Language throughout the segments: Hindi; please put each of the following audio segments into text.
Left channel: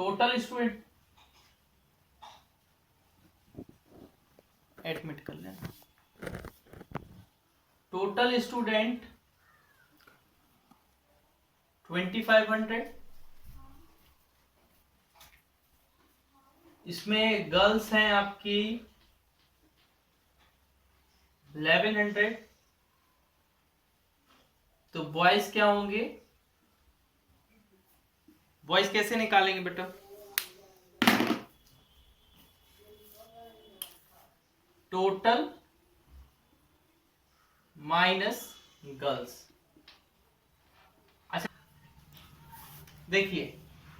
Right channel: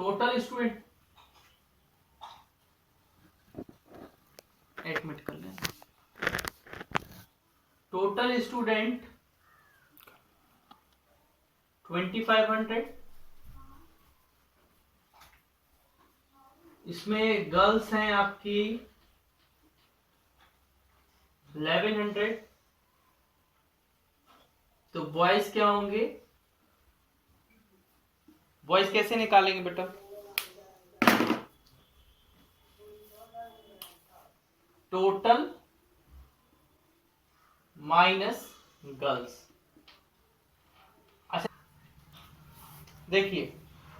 टोटल स्टूडेंट एडमिट कर लेना, टोटल स्टूडेंट 2500, इसमें गर्ल्स हैं आपकी 1100, तो बॉयज क्या होंगे, बॉयज कैसे निकालेंगे बेटा, टोटल माइनस गर्ल्स। अच्छा देखिए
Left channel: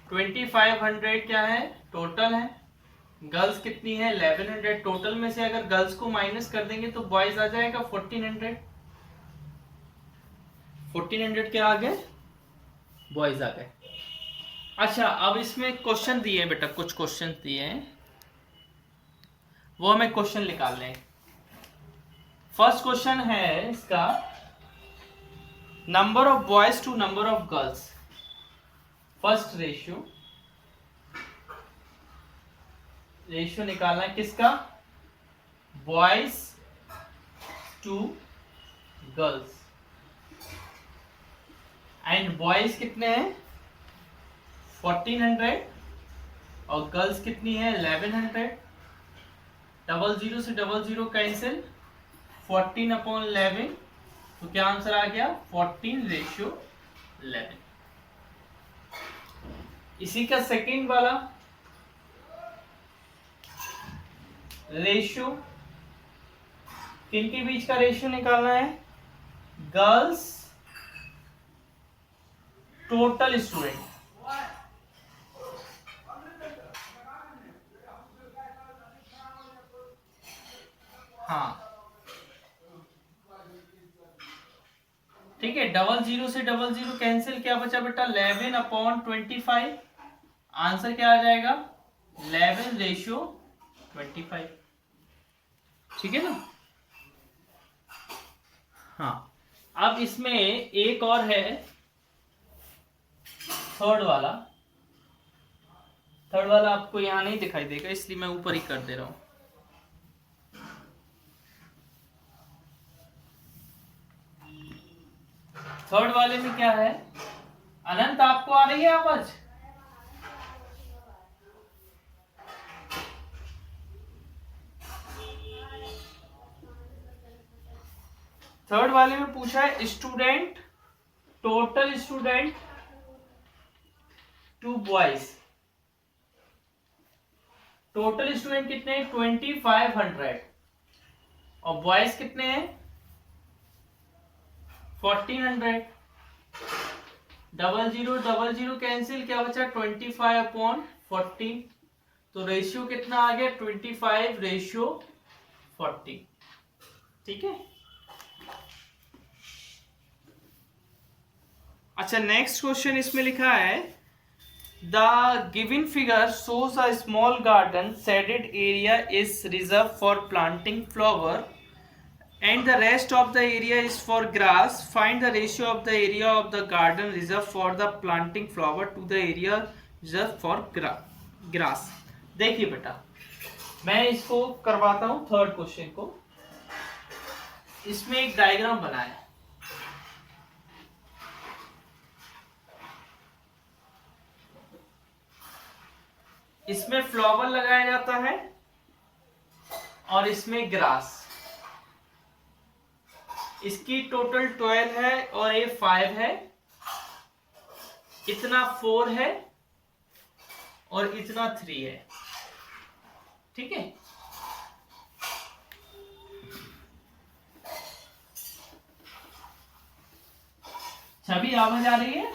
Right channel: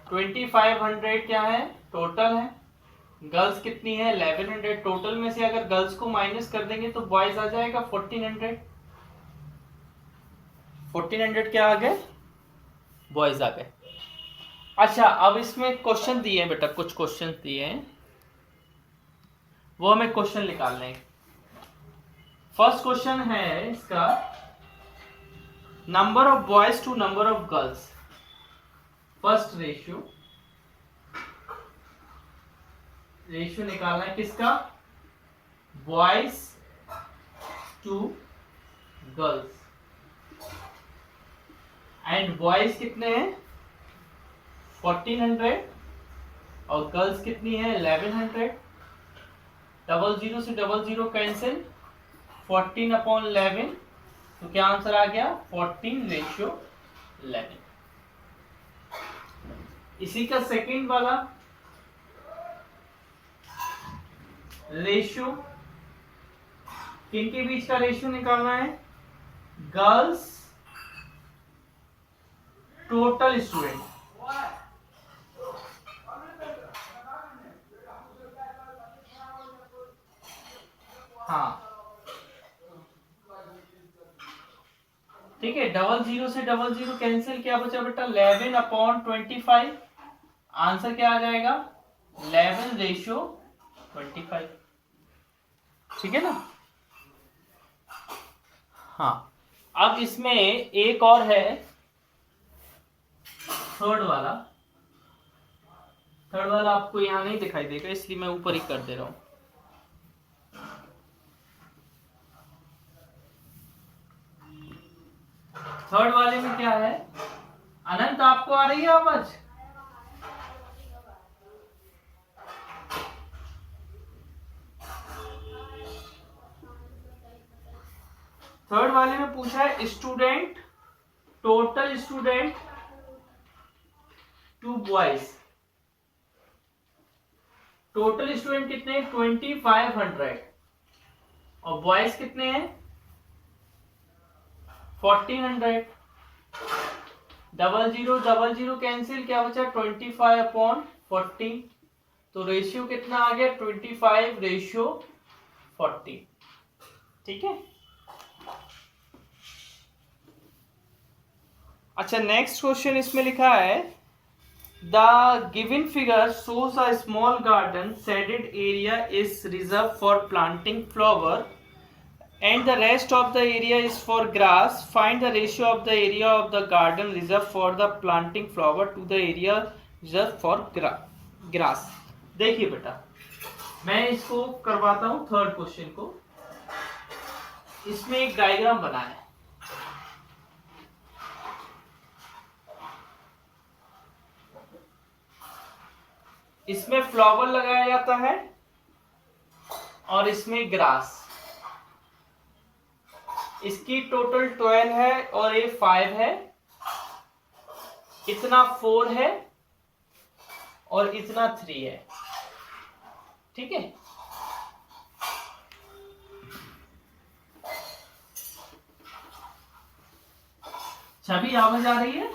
2500 क्या है, टोटल है, गर्ल्स कितनी है 1100, टोटल में से अगर गर्ल्स को माइनस कर देंगे तो बॉयज आ जाएगा 1400, 1400 क्या आ गए, बॉयज आ गए। अच्छा अब इसमें क्वेश्चन दिए हैं बेटा, कुछ क्वेश्चन दिए हैं, वो हमें क्वेश्चन निकालने हैं। फर्स्ट क्वेश्चन है इसका, number of boys to number of girls, first ratio निकालना है किसका, boys to girls, and boys कितने हैं 1400 और गर्ल्स कितनी है 1100, 00 से 00 कैंसिल, 14/11, तो क्या आंसर आ गया 14:11। इसी का सेकंड वाला रेशियो, किनके बीच का रेशियो निकालना है, गर्ल्स टोटल स्टूडेंट, हाँ ठीक है, 00 से 00 कैंसिल, क्या बचा बेटा 11/25, आंसर क्या आ जाएगा 11:25, ठीक है ना। हाँ अब इसमें एक और है, थर्ड वाला आपको यहां नहीं दिखाई देगा इसलिए मैं ऊपर ही कर दे रहा हूं। थर्ड वाले में क्या है, अनंत आपको आ रही है आवाज, थर्ड वाले में पूछा है student, total student to boys, total student कितने हैं 2500 और बॉयज कितने हैं 1400, 00 कैंसिल, क्या बचा 25/14, तो रेशियो कितना आ गया 25:40, ठीक है। अच्छा नेक्स्ट क्वेश्चन इसमें लिखा है, the given figure shows a small garden, shaded area is reserve for planting flower and the rest of the area is for grass. Find the ratio of the area of the garden reserved for the planting flower to the area reserved for grass. देखिए बेटा मैं इसको करवाता हूं थर्ड क्वेश्चन को, इसमें एक डायग्राम बना है, इसमें फ्लावर लगाया जाता है और इसमें ग्रास, इसकी टोटल 12 है और ये 5 है, इतना 4 है और इतना 3 है, ठीक है। छवि आवाज आ रही है,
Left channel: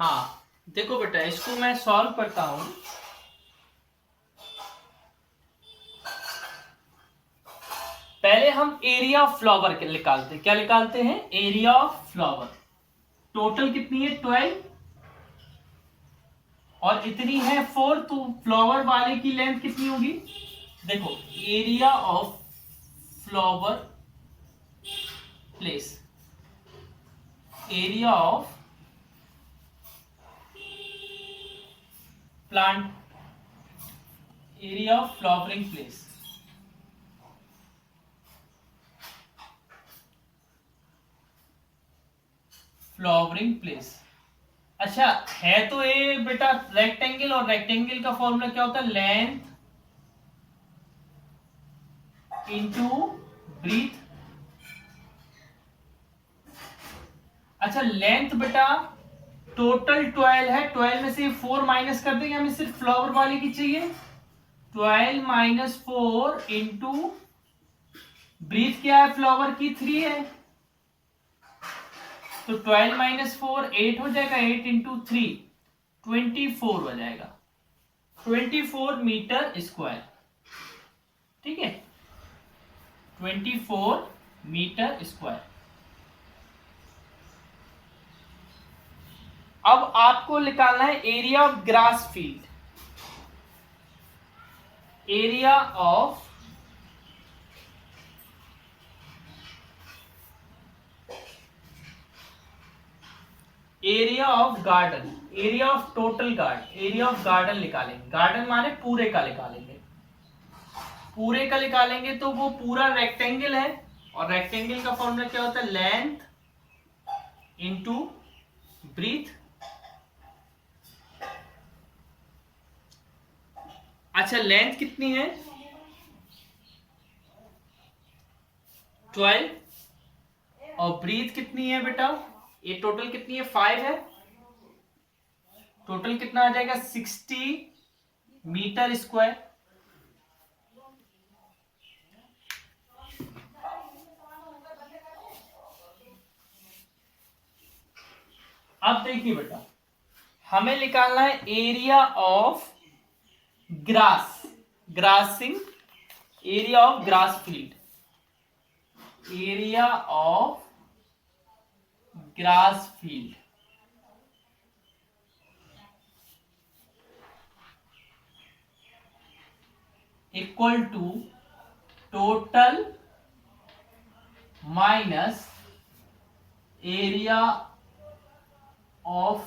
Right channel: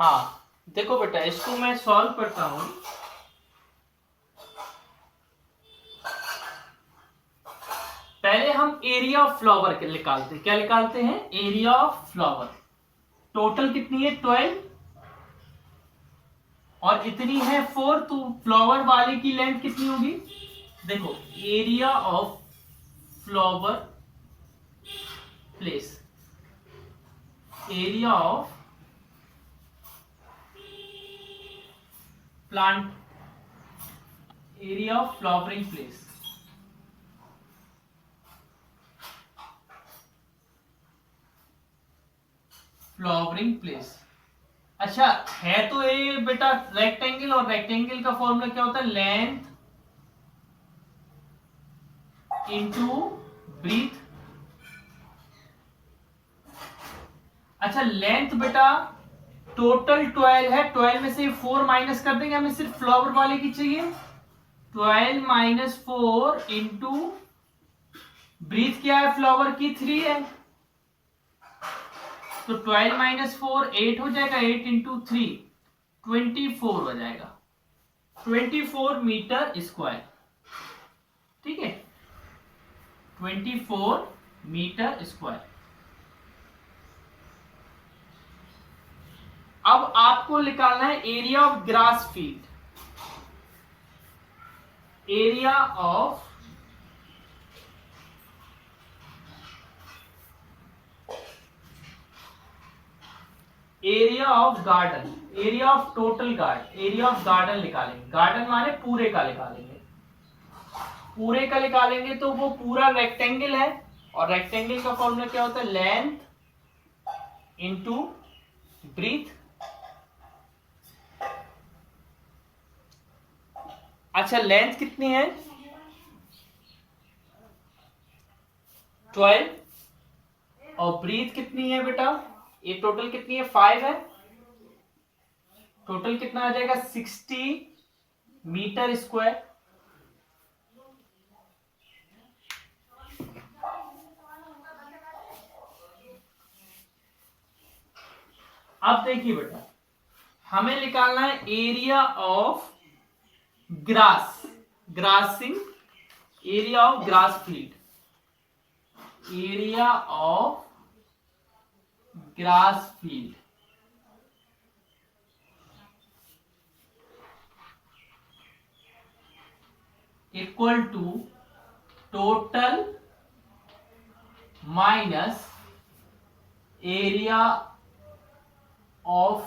हाँ देखो बेटा इसको मैं सॉल्व करता हूं, पहले हम एरिया ऑफ फ्लावर निकालते हैं, क्या निकालते हैं एरिया ऑफ फ्लावर, टोटल कितनी है 12 और इतनी है 4, तो फ्लावर वाले की लेंथ कितनी होगी, देखो area of flower place, area of plant, area of flowering place. Flowering place, अच्छा है तो ये बेटा रेक्टेंगल, और रेक्टेंगल का फॉर्मूला क्या होता है, लेंथ इंटू ब्रीथ। अच्छा लेंथ बेटा टोटल 12 है, 12 में से 4 माइनस कर देंगे, हमें सिर्फ फ्लावर वाले की चाहिए। 12 माइनस 4 इंटू ब्रीथ क्या है, फ्लावर की 3 है, तो 12 माइनस 4 8 हो जाएगा, 8 इंटू 3 24 हो जाएगा, 24 मीटर स्क्वायर। ठीक है, 24 मीटर स्क्वायर। अब आपको निकालना है area of grass field. Area of garden, area of total garden, area of garden निकालेंगे। गार्डन माने पूरे का निकालेंगे, पूरे का निकालेंगे तो वो पूरा रेक्टेंगल है, और रेक्टेंगल का फॉर्मूला क्या होता है, लेंथ इंटू ब्रीथ। अच्छा लेंथ कितनी है, 12, और ब्रीथ कितनी है बेटा, ये टोटल कितनी है, 5 है, टोटल कितना आ जाएगा 60 मीटर स्क्वायर। अब देखिए बेटा, हमें निकालना है area of grass, grassing, area of grass field, area of grass field equal to total minus area of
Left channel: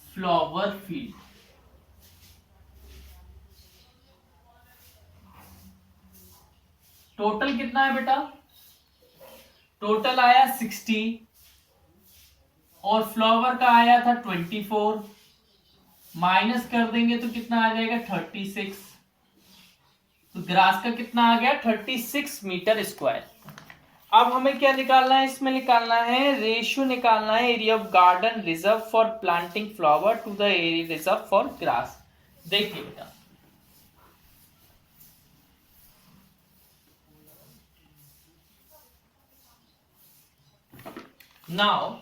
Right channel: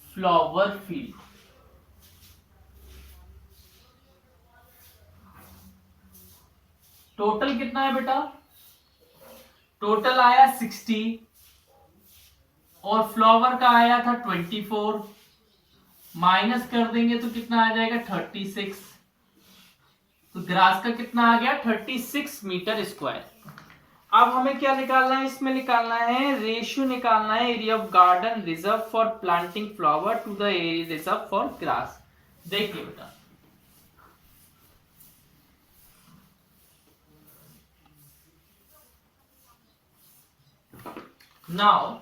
flower field. Total कितना है बेटा, टोटल आया 60 और फ्लावर का आया था 24, माइनस कर देंगे तो कितना आ जाएगा 36, तो ग्रास का कितना आ गया 36 मीटर स्क्वायर। अब हमें क्या निकालना है, इसमें निकालना है रेशियो, निकालना है area of garden reserve for planting flower to the area reserve for grass. देखिए बेटा, नाउ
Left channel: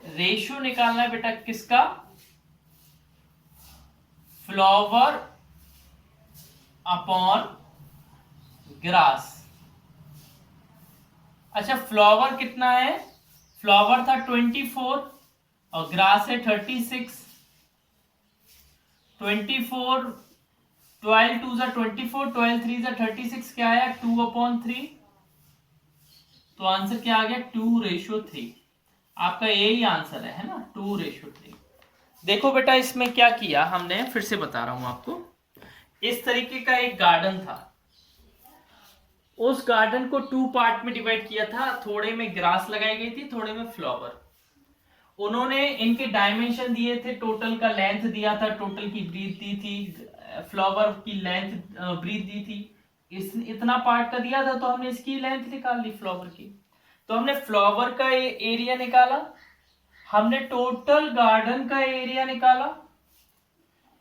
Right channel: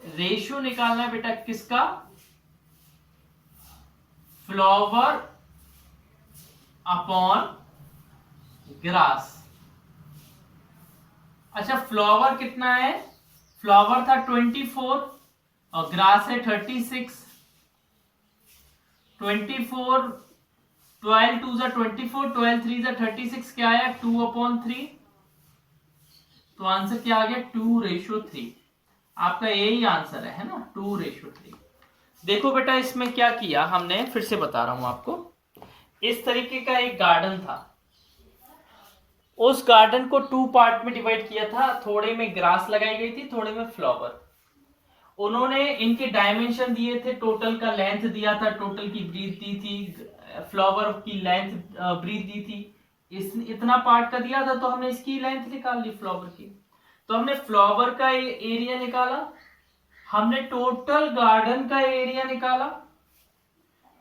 रेशियो निकालना है बेटा किसका, फ्लावर अपॉन ग्रास। अच्छा फ्लावर कितना है, फ्लावर था 24 और ग्रास है 36, 24 12 2 जा 24, 12 3 जा 36, क्या आया 2/3, तो आंसर क्या आ गया 2:3। आपका यही आंसर है ना, 2:3। देखो बेटा इसमें क्या किया हमने, फिर से बता रहा हूं आपको। इस तरीके का एक गार्डन था, उस गार्डन को 2 पार्ट में डिवाइड किया था, थोड़े में ग्रास लगाई गई थी, थोड़े में फ्लावर। उन्होंने इनके डायमेंशन दिए थे, टोटल का लेंथ दिया था, टोटल की ब्रीथ दी थी, फ्लावर की लेंथ ब्रीथ दी थी, इतना पार्ट का दिया था, तो हमने इसकी लेंथ निकाल ली फ्लावर की। तो हमने फ्लावर का एरिया निकाला, हमने टोटल गार्डन का एरिया निकाला,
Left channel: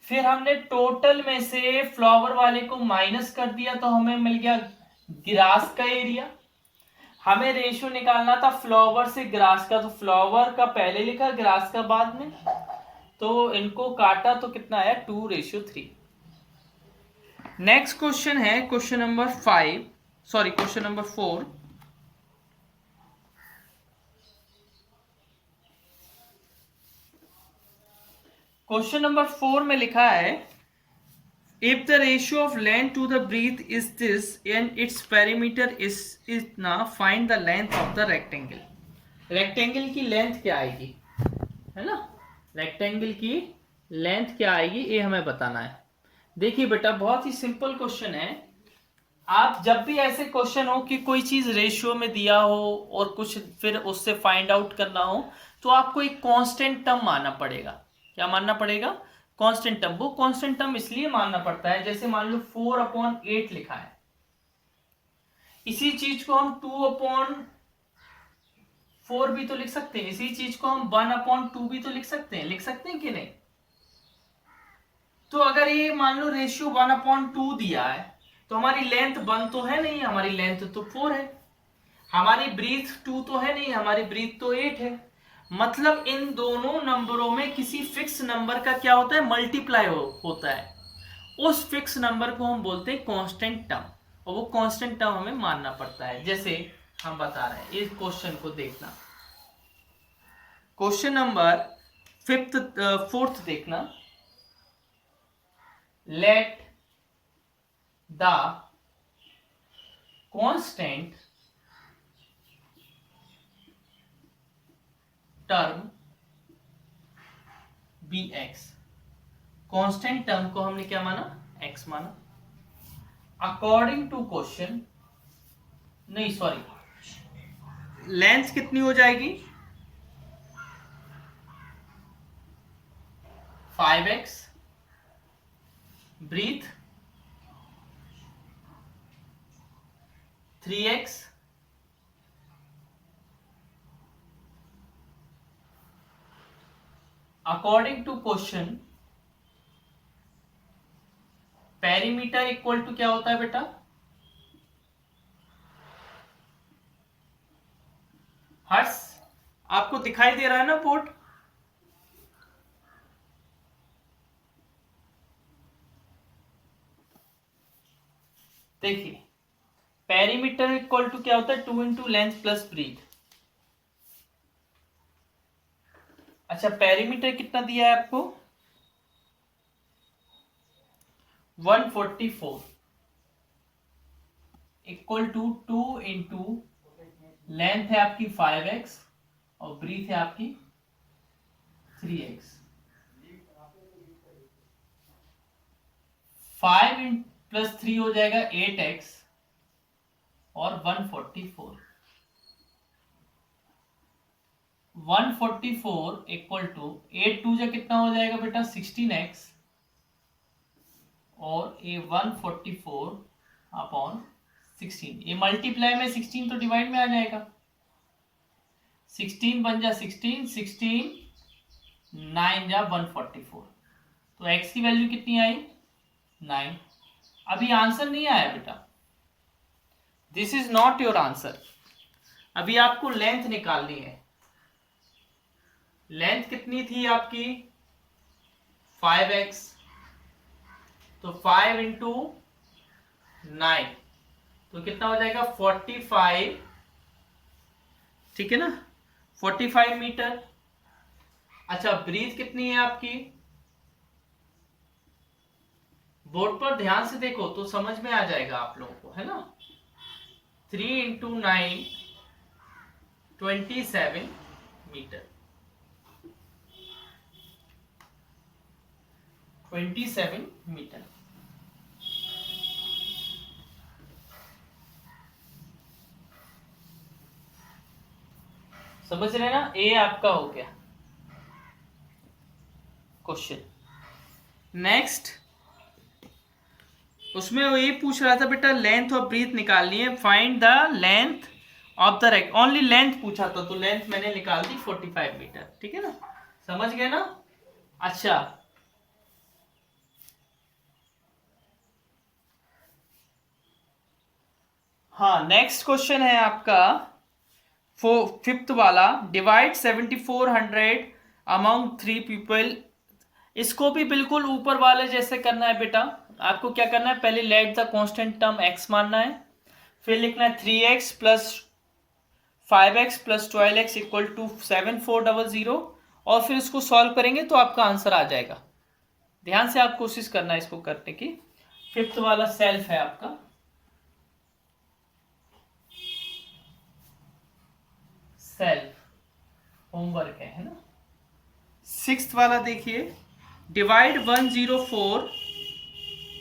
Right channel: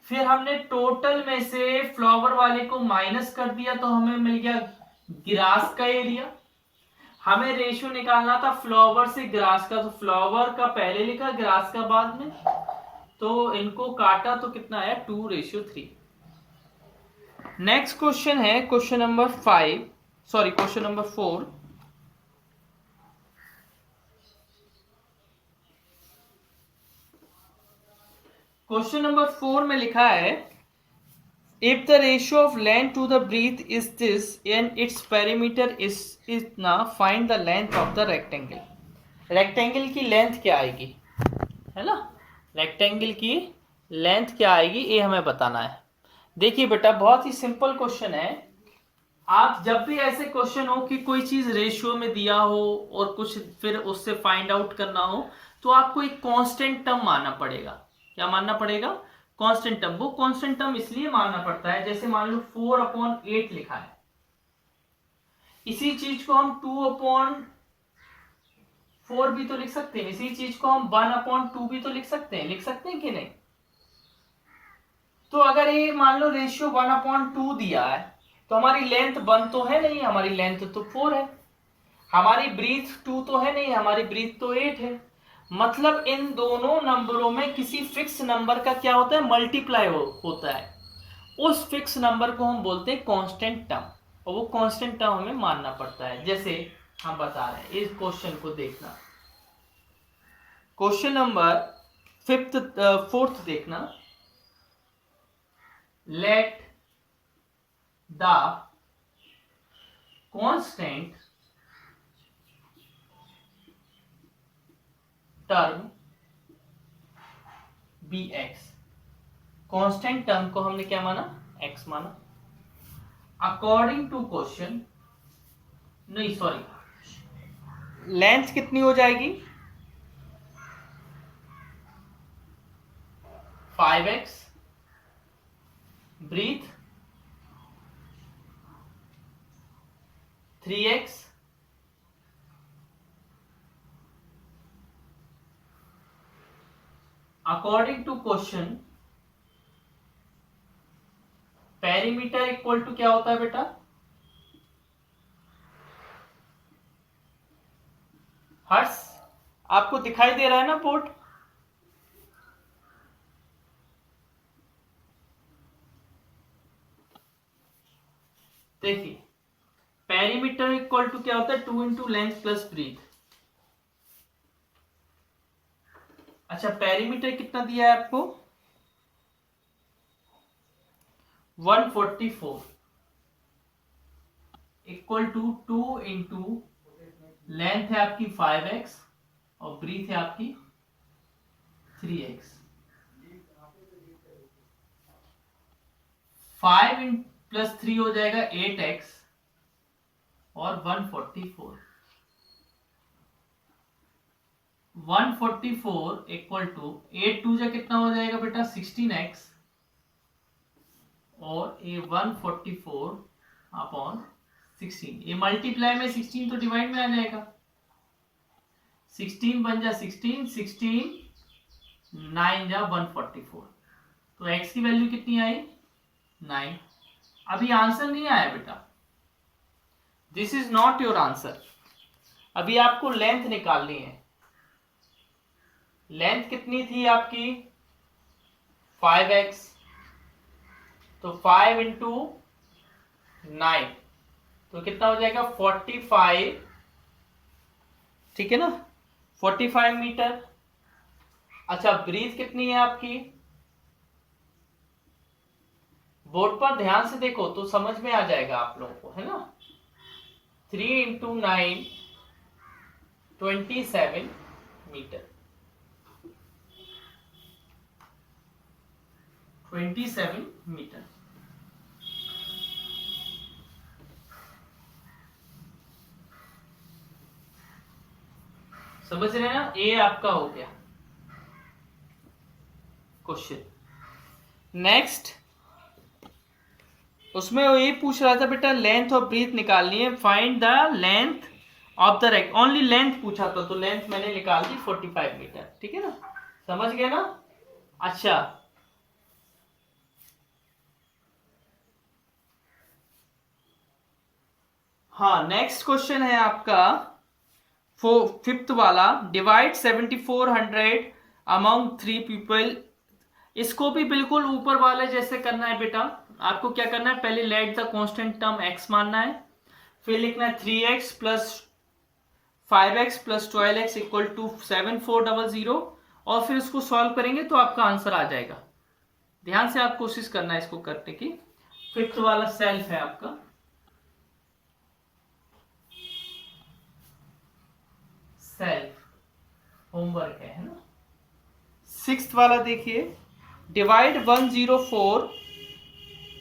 फिर हमने टोटल में से फ्लावर वाले को माइनस कर दिया, तो हमें मिल गया ग्रास का एरिया। हमें रेशियो निकालना था फ्लावर से ग्रास का, तो फ्लावर का पहले लिखा, ग्रास का बाद में, तो इनको काटा तो कितना आया 2:3। नेक्स्ट क्वेश्चन है question number 5, sorry question number 4। Question number 4 में लिखा है If the ratio of length to the breadth is this and its perimeter is इतना, find the length of the rectangle. Rectangle की लेंथ क्या आएगी, है ना, रेक्टेंगल की लेंथ क्या आएगी ये हमें बताना है। देखिए बेटा बहुत ही सिंपल क्वेश्चन है। आप जब भी ऐसे क्वेश्चन हो कि कोई चीज रेशियो में दिया हो और कुछ फिर उससे फाइंड आउट करना हो, तो आपको एक कांस्टेंट टर्म मानना पड़ेगा। क्या मानना पड़ेगा? Constant term. वो कांस्टेंट टर्म इसलिए मानना पड़ता है, जैसे मान लो 4/8 लिखा है, इसी चीज को हम 2/4 भी तो लिख सकते हैं, इसी चीज को हम 1/2 भी तो लिख सकते हैं कि नहीं? तो अगर ये मान लो रेशियो 1/2 दिया है, तो हमारी लेंथ 1 तो है नहीं, हमारी लेंथ तो 4 है, हमारी ब्रीथ 2 तो है नहीं, हमारी ब्रीथ तो 8 है। मतलब इन दोनों नंबरों में किसी फिक्स नंबर का क्या होता है, मल्टीप्लाई होता है। उस फिक्स नंबर को हम बोलते हैं कांस्टेंट टर्म, और वो कांस्टेंट टर्म हमें मानना पड़ता है। जैसे हम बता रहे हैं, इस क्वेश्चन को देखना, क्वेश्चन नंबर 4th देखना। Let the constant term be x. Constant term को हमने क्या माना, एक्स माना। अकॉर्डिंग टू क्वेश्चन, नहीं सॉरी, लेंथ कितनी हो जाएगी, 5x, breadth 3x, according to question perimeter equal to क्या होता है बेटा, हर्ट्स। आपको दिखाई दे रहा है ना पोर्ट? देखिए पेरीमीटर इक्वल टू क्या होता है, 2 इंटू लेंथ प्लस ब्रीथ। अच्छा पेरीमीटर कितना दिया है आपको, 144 इक्वल टू 2 इंटू लेंथ है आपकी 5x और ब्रीथ है आपकी 3x। 5 प्लस 3 हो जाएगा 8x और 144 इक्वल टू 8 2 जा कितना हो जाएगा बेटा, 16x और ये 144 अपॉन 16। ये मल्टीप्लाई में 16 तो डिवाइड में आ जाएगा, 16 बन जा 16, 9 जा 144। तो x की वैल्यू कितनी आई, 9। अभी आंसर नहीं आया बेटा, this is not your answer. अभी आपको लेंथ निकालनी है। लेंथ कितनी थी आपकी, 5x, तो 5 इंटू 9 तो कितना हो जाएगा 45, ठीक है ना, 45 मीटर। अच्छा ब्रीथ कितनी है आपकी, बोर्ड पर ध्यान से देखो तो समझ में आ जाएगा आप लोगों को, है ना। 3 इंटू 9 27 मीटर, 27 मीटर। समझ रहे हैं ना, ये आपका हो गया क्वेश्चन। नेक्स्ट उसमें वो ये पूछ रहा था बेटा लेंथ ऑफ ब्रीथ निकालनी है, find the length of the rect, only length पूछा था तो लेंथ मैंने निकाल दी 45 मीटर, ठीक है ना, समझ गए ना। अच्छा हाँ नेक्स्ट क्वेश्चन है आपका 5th वाला, डिवाइड 7400 अमंग 3 पीपल। इसको भी बिल्कुल ऊपर वाले जैसे करना है बेटा। आपको क्या करना है, पहले late the constant term x मानना है, फिर लिखना है 3x plus 5x plus 12x equal to 7400 और फिर इसको सॉल्व करेंगे तो आपका आंसर आ जाएगा। ध्यान से आप कोशिश करना है इसको करने की। फिफ्थ वाला सेल्फ है आपका, सेल्फ होमवर्क है ना। सिक्स्थ वाला देखिए, divide 104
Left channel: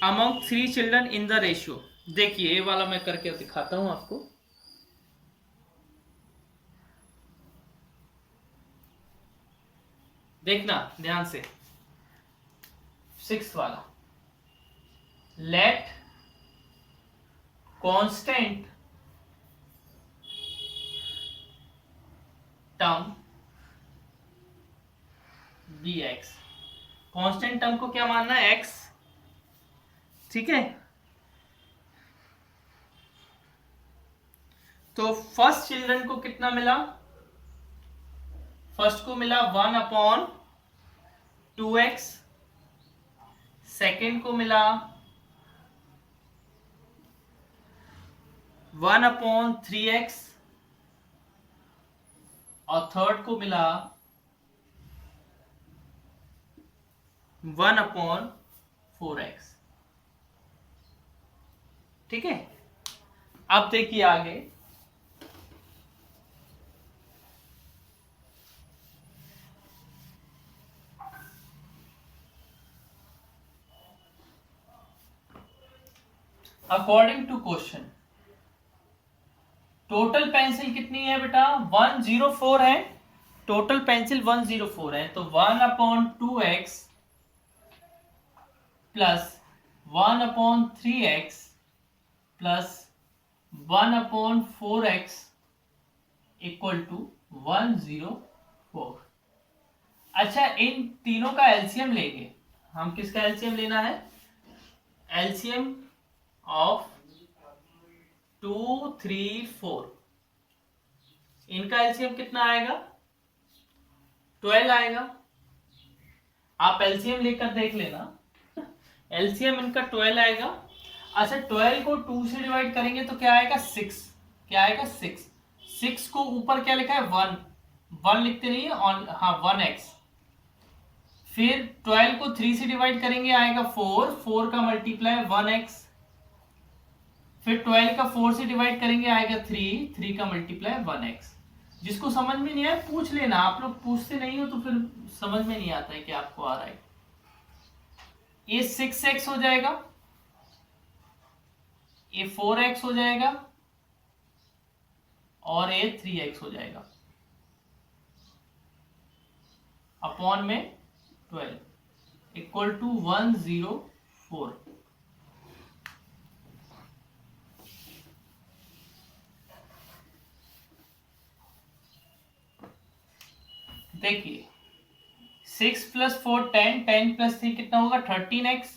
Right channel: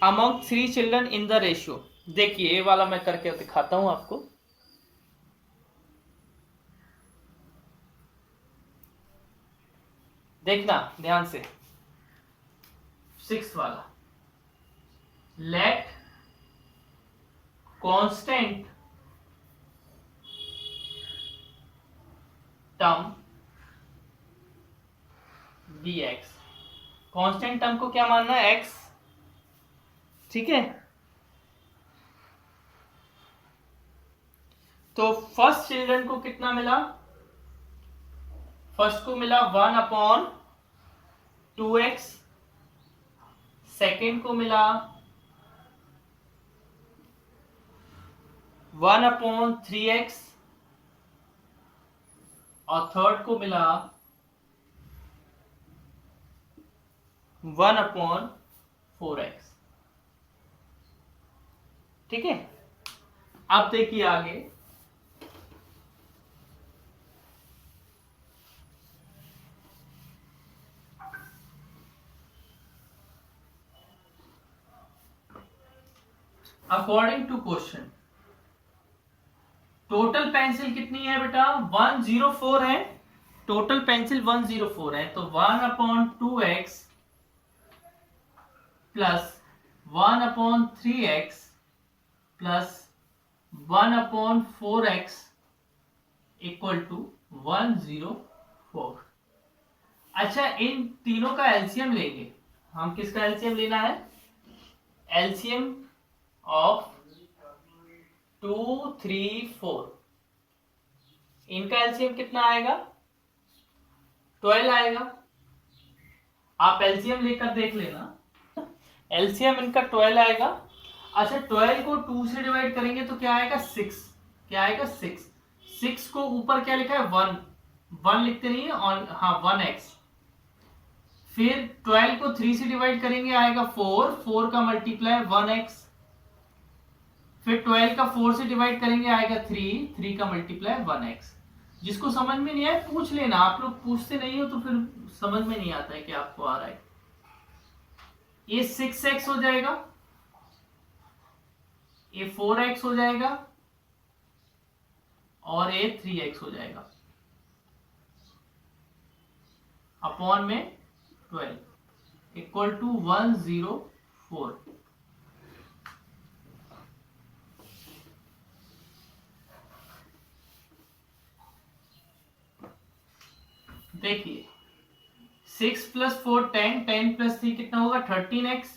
among 3 children in the ratio. देखिए ये वाला मैं करके दिखाता हूं आपको। देखना ध्यान से, सिक्स्थ वाला, let constant term be x. Constant term को क्या मानना है, एक्स, ठीक है। तो फर्स्ट चिल्ड्रन को कितना मिला, फर्स्ट को मिला 1/2x, सेकेंड को मिला 1/3x, और थर्ड को मिला 1/4x। ठीक है। अब देखिए आगे, according to question total pencil कितनी है बेटा, 104 है, टोटल पेंसिल 104 है। तो 1/2x plus 1/3x plus 1/4x equal to 104। अच्छा, इन तीनों का एलसीएम लेंगे हम। किसका एलसीएम लेना है, एलसीएम ऑफ 2, 3, 4। इनका एलसीएम कितना आएगा, 12 आएगा। आप एलसीएम लेकर देख लेना, एलसीएम इनका 12 आएगा। अच्छा, 12 को 2 से डिवाइड करेंगे तो क्या आएगा, 6। क्या आएगा, 6। 6 को ऊपर क्या लिखा है, 1 लिखते नहीं है, और हाँ 1x। फिर 12 को 3 से डिवाइड करेंगे आएगा 4 का मल्टीप्लाई 1x। फिर 12 का 4 से डिवाइड करेंगे आएगा 3 का मल्टीप्लाई 1x। जिसको समझ में नहीं आए पूछ लेना, आप लोग पूछते नहीं हो तो फिर समझ में नहीं आता है कि आपको आ रहा है। ये 6x हो जाएगा, ये 4x हो जाएगा, और ये 3x हो जाएगा, अपॉन में 12 इक्वल टू 104। देखिए 6 + 4 10, 10 + 3 कितना होगा, 13x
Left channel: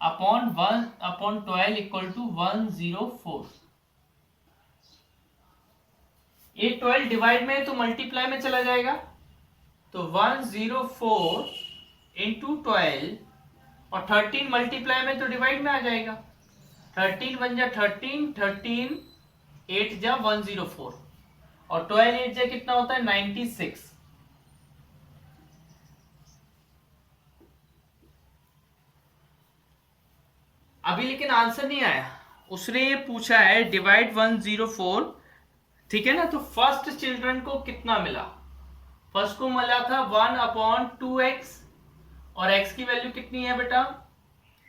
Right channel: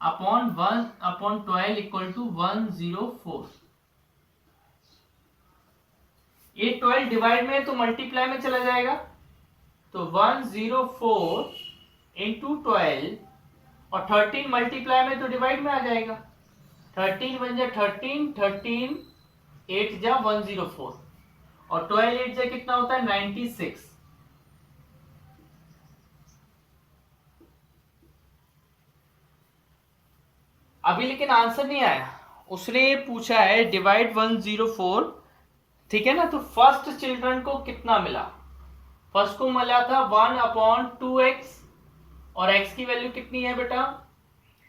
अपॉन 1/12 इक्वल टू 104। ये 12 डिवाइड में तो मल्टीप्लाई में चला जाएगा, तो 104 इंटू 12, और 13 मल्टीप्लाई में तो डिवाइड में आ जाएगा। 13 1 जा 13, 13 8 जा 104, और 12 8 जा कितना होता है, 96। अभी लेकिन आंसर नहीं आया, उसने ये पूछा है डिवाइड 104, ठीक है ना। तो फर्स्ट चिल्ड्रन को कितना मिला, फर्स्ट को मिला था 1/2x, और x की वैल्यू कितनी है बेटा,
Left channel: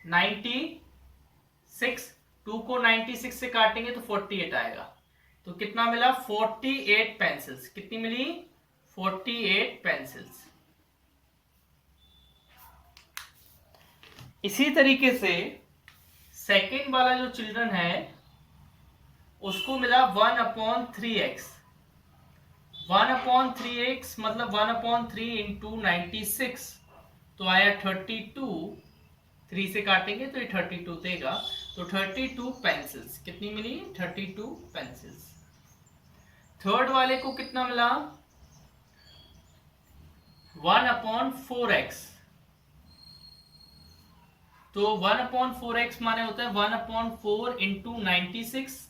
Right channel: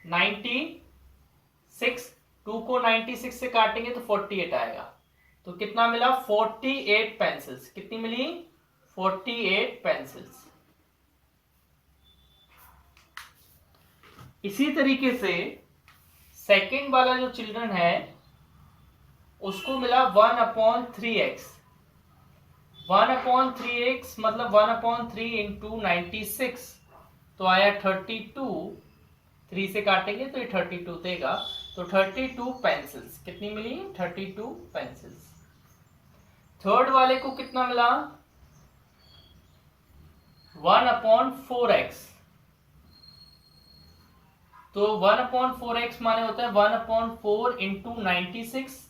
96। 2 को 96 से काटेंगे तो 48 आएगा। तो कितना मिला, 48 पेंसिल्स। कितनी मिली, 48 पेंसिल्स। इसी तरीके से सेकेंड वाला जो चिल्ड्रन है उसको मिला 1/3x। 1/3x मतलब 1/3 इंटू 96, तो आया 32। 3 से काटेंगे तो ये 32 देगा, तो 32 पेंसिल्स। कितनी मिली, 32 पेंसिल्स। थर्ड वाले को कितना मिला, 1/4x। तो 1/4x माने होता है 1/4 इंटू 96,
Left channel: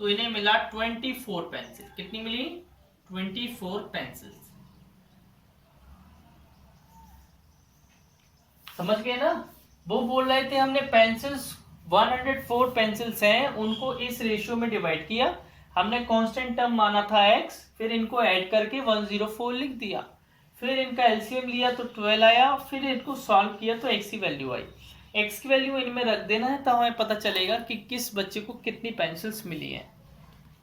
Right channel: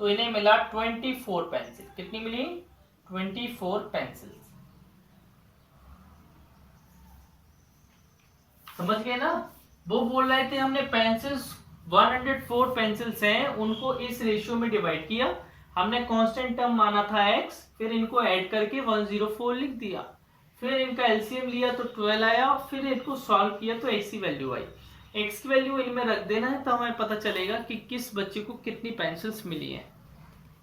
तो इन्हें मिला 24 पेंसिल। कितनी मिली, 24 पेंसिल्स। समझ गए ना। वो बोल रहे थे हमने पेंसिल्स 104 पेंसिल्स हैं, उनको इस रेशियो में डिवाइड किया, हमने कांस्टेंट टर्म माना था x, फिर इनको ऐड करके 104 लिख दिया, फिर इनका एलसीएम लिया तो 12 आया, फिर इनको सॉल्व किया तो x की वैल्यू आई। x की वैल्यू इनमें रख देना है, तो हमें पता चलेगा कि किस बच्चे को कितनी पेंसिल्स मिली हैं।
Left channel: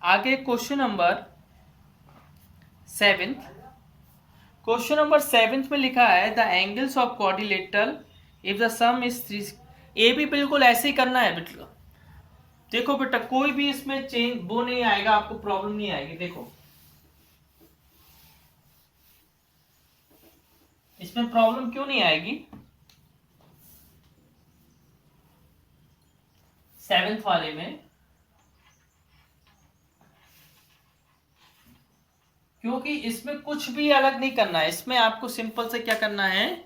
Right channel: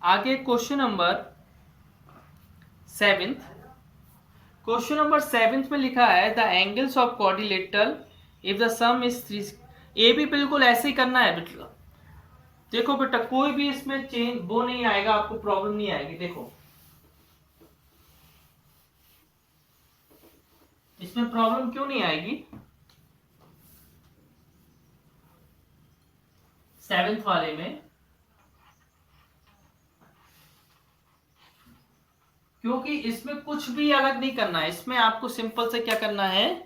आगे क्वेश्चन नंबर 7। क्वेश्चन नंबर 7 में लिखा है the angles of quadrilateral if the some is 3। ये भी बिल्कुल ऐसे ही करना है बेटा। देखो बेटा, कोई भी इसमें चेंज वो नहीं आएगा, आपको प्रॉब्लम नहीं आएगी। देखो इसमें प्रॉब्लम क्यों नहीं आएगी 7th वाले में, क्योंकि इसमें कुछ भी अलग नहीं करना है। इसमें आपको सिंपल से क्या करना है,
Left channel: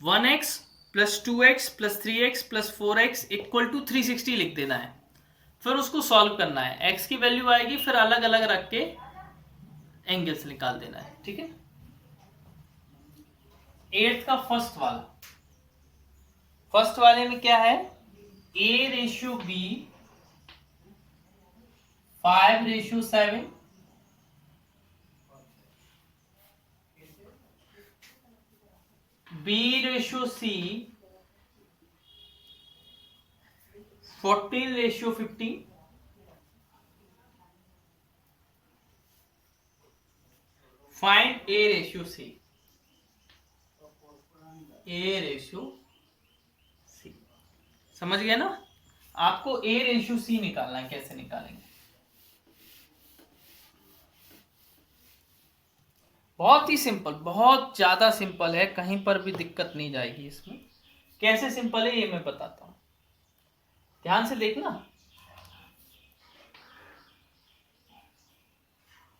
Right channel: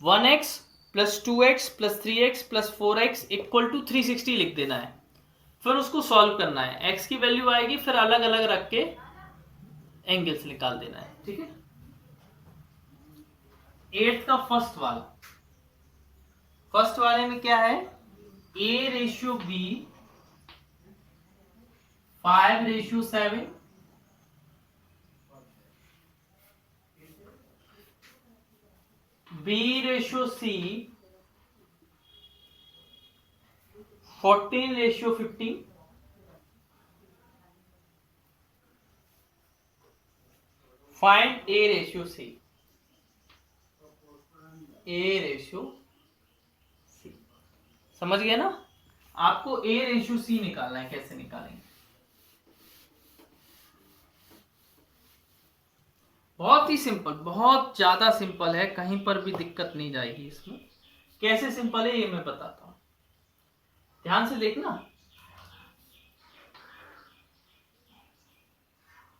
1x plus 2x plus 3x plus 4x equal to 360 लिख देना है, फिर उसको सॉल्व करना है। x की वैल्यू आएगी, फिर अलग अलग रख के एंगल्स निकाल देना है। ठीक है। 8th का फर्स्ट वाले में क्या है, a/b 5/7, b/c 14/15, फाइंड a/c। समझ गए ना? आपको a/c निकालना है। कैसे निकालेंगे, बहुत ही सिंपल, बहुत ज्यादा सिंपल है, कहीं पर भी दिक्कत नहीं जाएगी इसमें। कैसे सिंपल है ये मैं बताता हूं, ध्यान से देखना।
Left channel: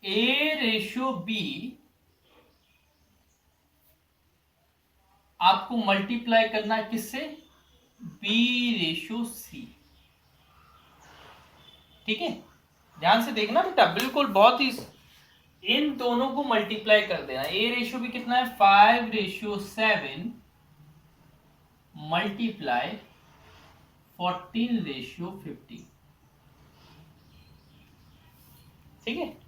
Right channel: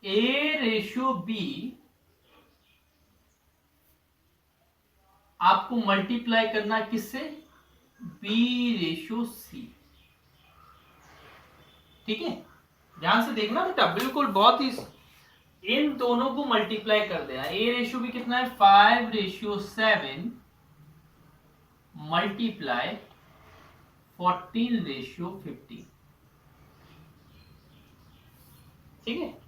a/b आपको मल्टीप्लाई करना है किससे, b/c। ठीक है, ध्यान से देखना बेटा, बिल्कुल बहुत ही, इन दोनों को मल्टीप्लाई कर देना। a/b कितना है, 5/7 मल्टीप्लाई 14/15। ठीक है।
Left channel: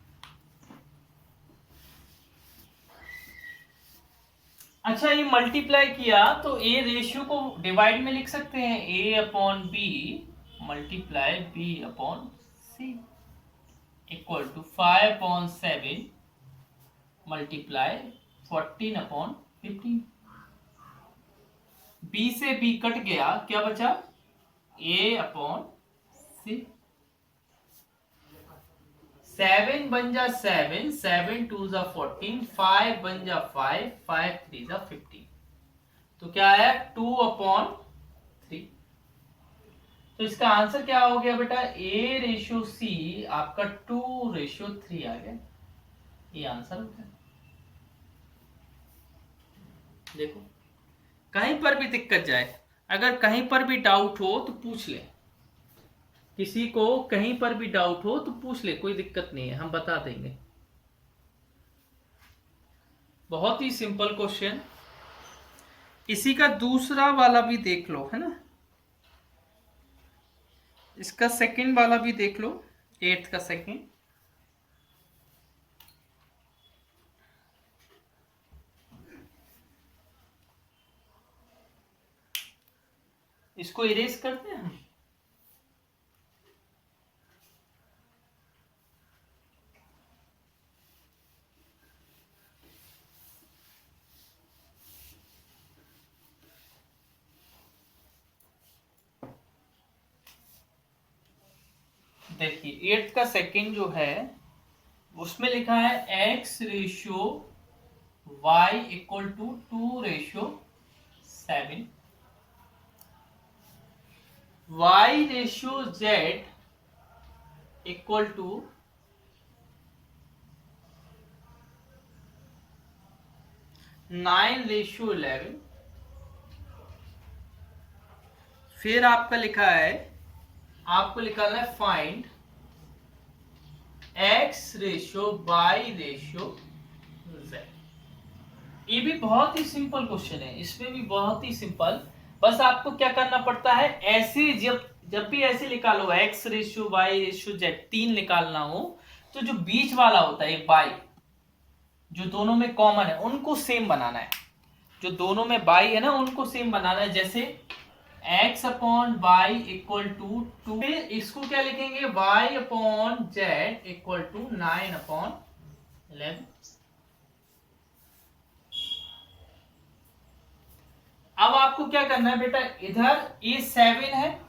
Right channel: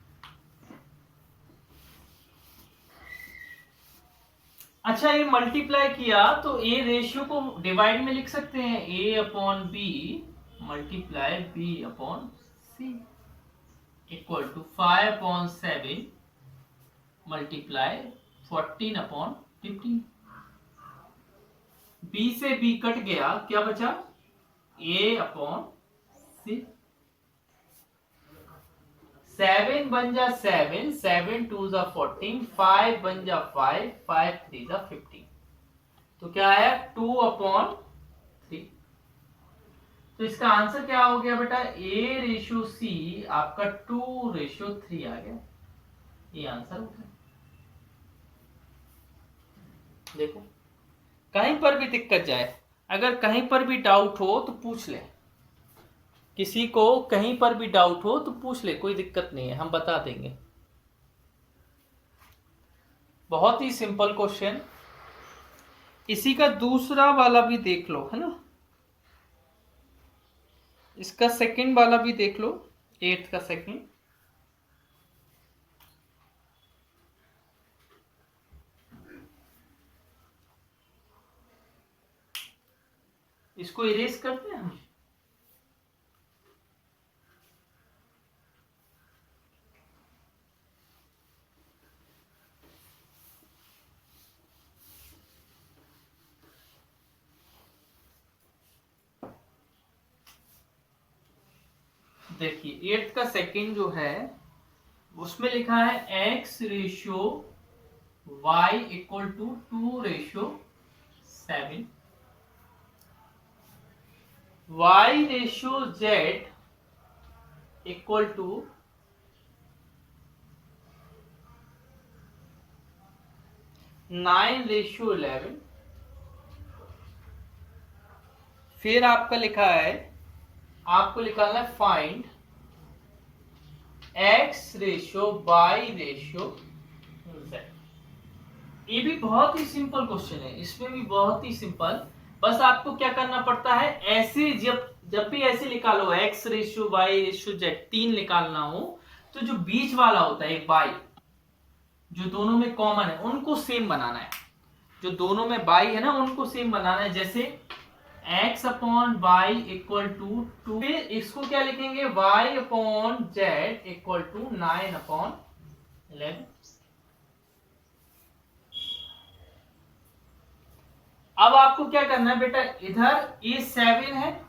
अच्छा, ये मल्टीप्लाई किया तो ए रेशियो को डिवाइड में लिख सकते हैं, a/b multiply b/c equal to 5/7 multiply 14/15। b से b कट गया, क्या बचा, a/c। 7 बन जा 7, 7 2 जा 14, 5 बन जा 5, 5 3 जा 15। तो क्या आया, 2/3। तो इसका आंसर क्या हो गया बेटा, a/c आपका 2/3 आ गया। ये आंसर हो गया। देखो, कहीं पर भी दिक्कत जाए, अगर कहीं पर भी डाउट हो तो पूछ ले, किसी को कहीं पर भी डाउट हो तो पूछ ले, कोई दिक्कत नहीं है, हम बता देंगे। बहुत ही सिंपल क्वेश्चन। इसी का दूसरा वाला भी देख लो, है ना, इसका सेकंड वाला भी देख लो, 8th का सेकंड। इसको इरेज करते हैं हम। देखिए 8th का सेकंड जो है उसमें लिखा है x/y equal to 2/7, y/z equal to 9/11। फिर आपका लिखा है, आपको निकालना है फाइंड x/y/z। ये भी बहुत ही सिंपल क्वेश्चन है, इसमें भी बहुत ही सिंपल। बस आपको क्या करना पड़ता है, ऐसी जब भी ऐसे निकालो x ratio y ratio z 3 निकालना हो, तो जो बीच वाला होता है y, जो दोनों में कॉमन है उनको सेम बनाना है, जो दोनों में y है ना उनको सेम बनाना है। जैसे x upon y equal to 2, फिर इसको क्या लिखेंगे, y upon z equal to 9 upon 11। अब आपको क्या करना है बेटा, इधर ये 7 है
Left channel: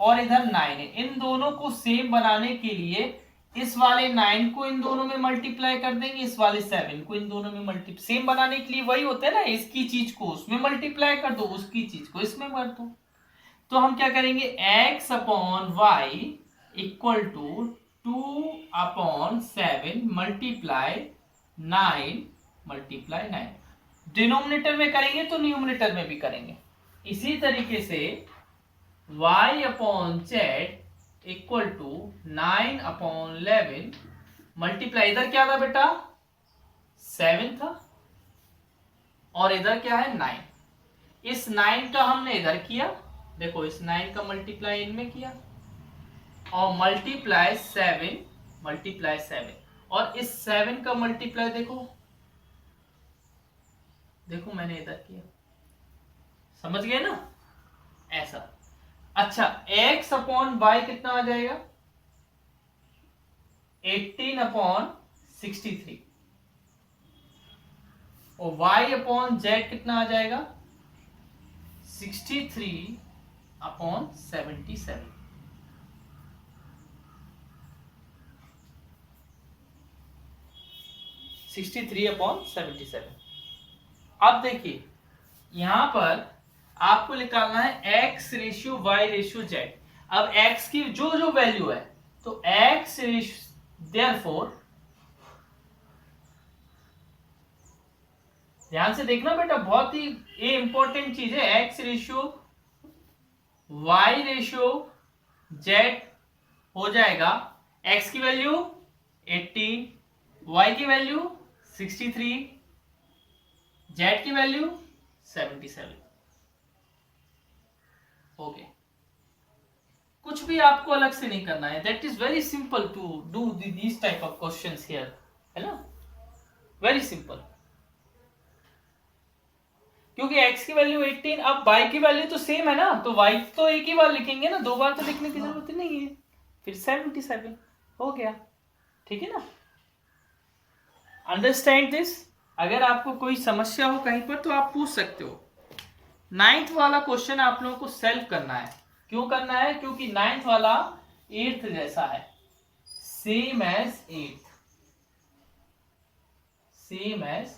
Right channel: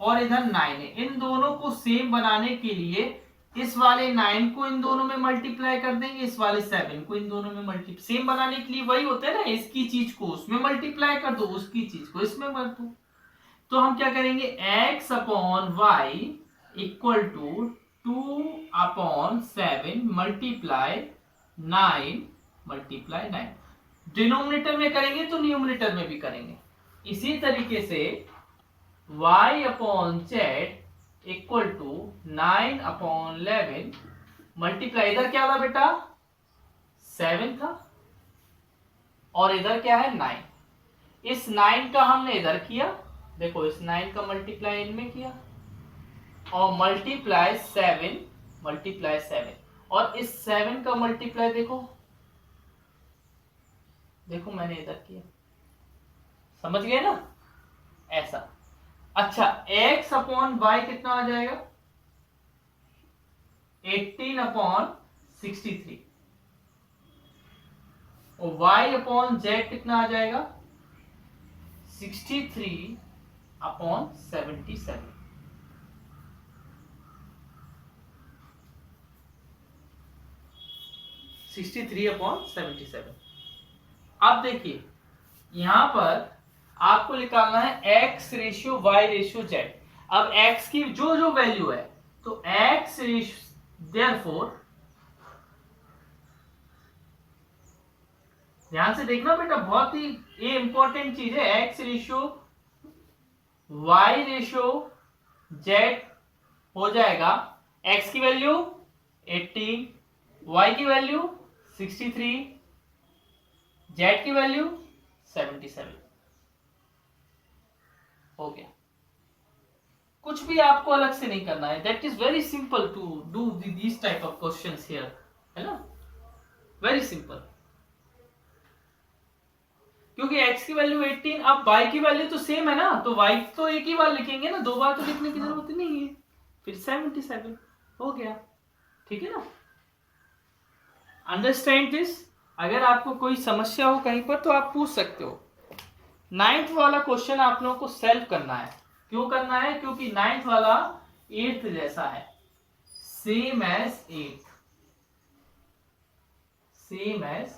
और इधर 9 है, इन दोनों को सेम बनाने के लिए इस वाले 9 को इन दोनों में मल्टीप्लाई कर देंगे, इस वाले 7 को इन दोनों में मल्टीप्लाई, सेम बनाने के लिए वही होता है ना, इसकी चीज को उसमें मल्टीप्लाई कर दो, उसकी चीज को इसमें कर दो। तो हम क्या करेंगे, x upon y equal to 2 upon 7 multiply 9 multiply 9। Denominator में करेंगे तो न्यूमिनेटर में भी करेंगे। इसी तरीके से y upon z equal to 9 upon 11 multiply, इधर क्या था बेटा 7 था और इधर क्या है 9, इस 9 का हमने इधर किया, देखो इस 9 का मल्टीप्लाई इनमें किया और मल्टीप्लाई 7 और इस 7 का मल्टीप्लाई देखो मैंने इधर किया, समझ गए ना, ऐसा। अच्छा, x अपॉन वाई कितना आ जाएगा, 18 अपॉन 63 और y अपॉन जेड कितना आ जाएगा, 63 अपॉन 77। अब देखिए यहां पर आपको निकालना है x ratio y ratio z। अब x की जो वैल्यू है तो x रेशियो, देयरफॉर ध्यान से देखना बेटा, बहुत ही ये इंपॉर्टेंट चीज है, x ratio y ratio z हो जाएगा, x की वैल्यू 18, y की वैल्यू 63, z की वैल्यू 77। हो गया, कुछ भी आपको अलग से नहीं करना है। That is very simple to do this type of questions here, है ना, वेरी सिंपल। क्योंकि x की वैल्यू 18, अब y की वैल्यू तो सेम है ना, तो y तो एक ही बार लिखेंगे ना, 2 बार तो लिखने की जरूरत नहीं है, फिर 77 हो गया, ठीक है ना। Understand this. अगर आपको कोई समस्या हो कहीं पर तो आप पूछ सकते हो। 9th वाला क्वेश्चन आप लोगों को सॉल्व करना है। क्यों करना है, क्योंकि 9th वाला 8th जैसा है, same as 8th, same as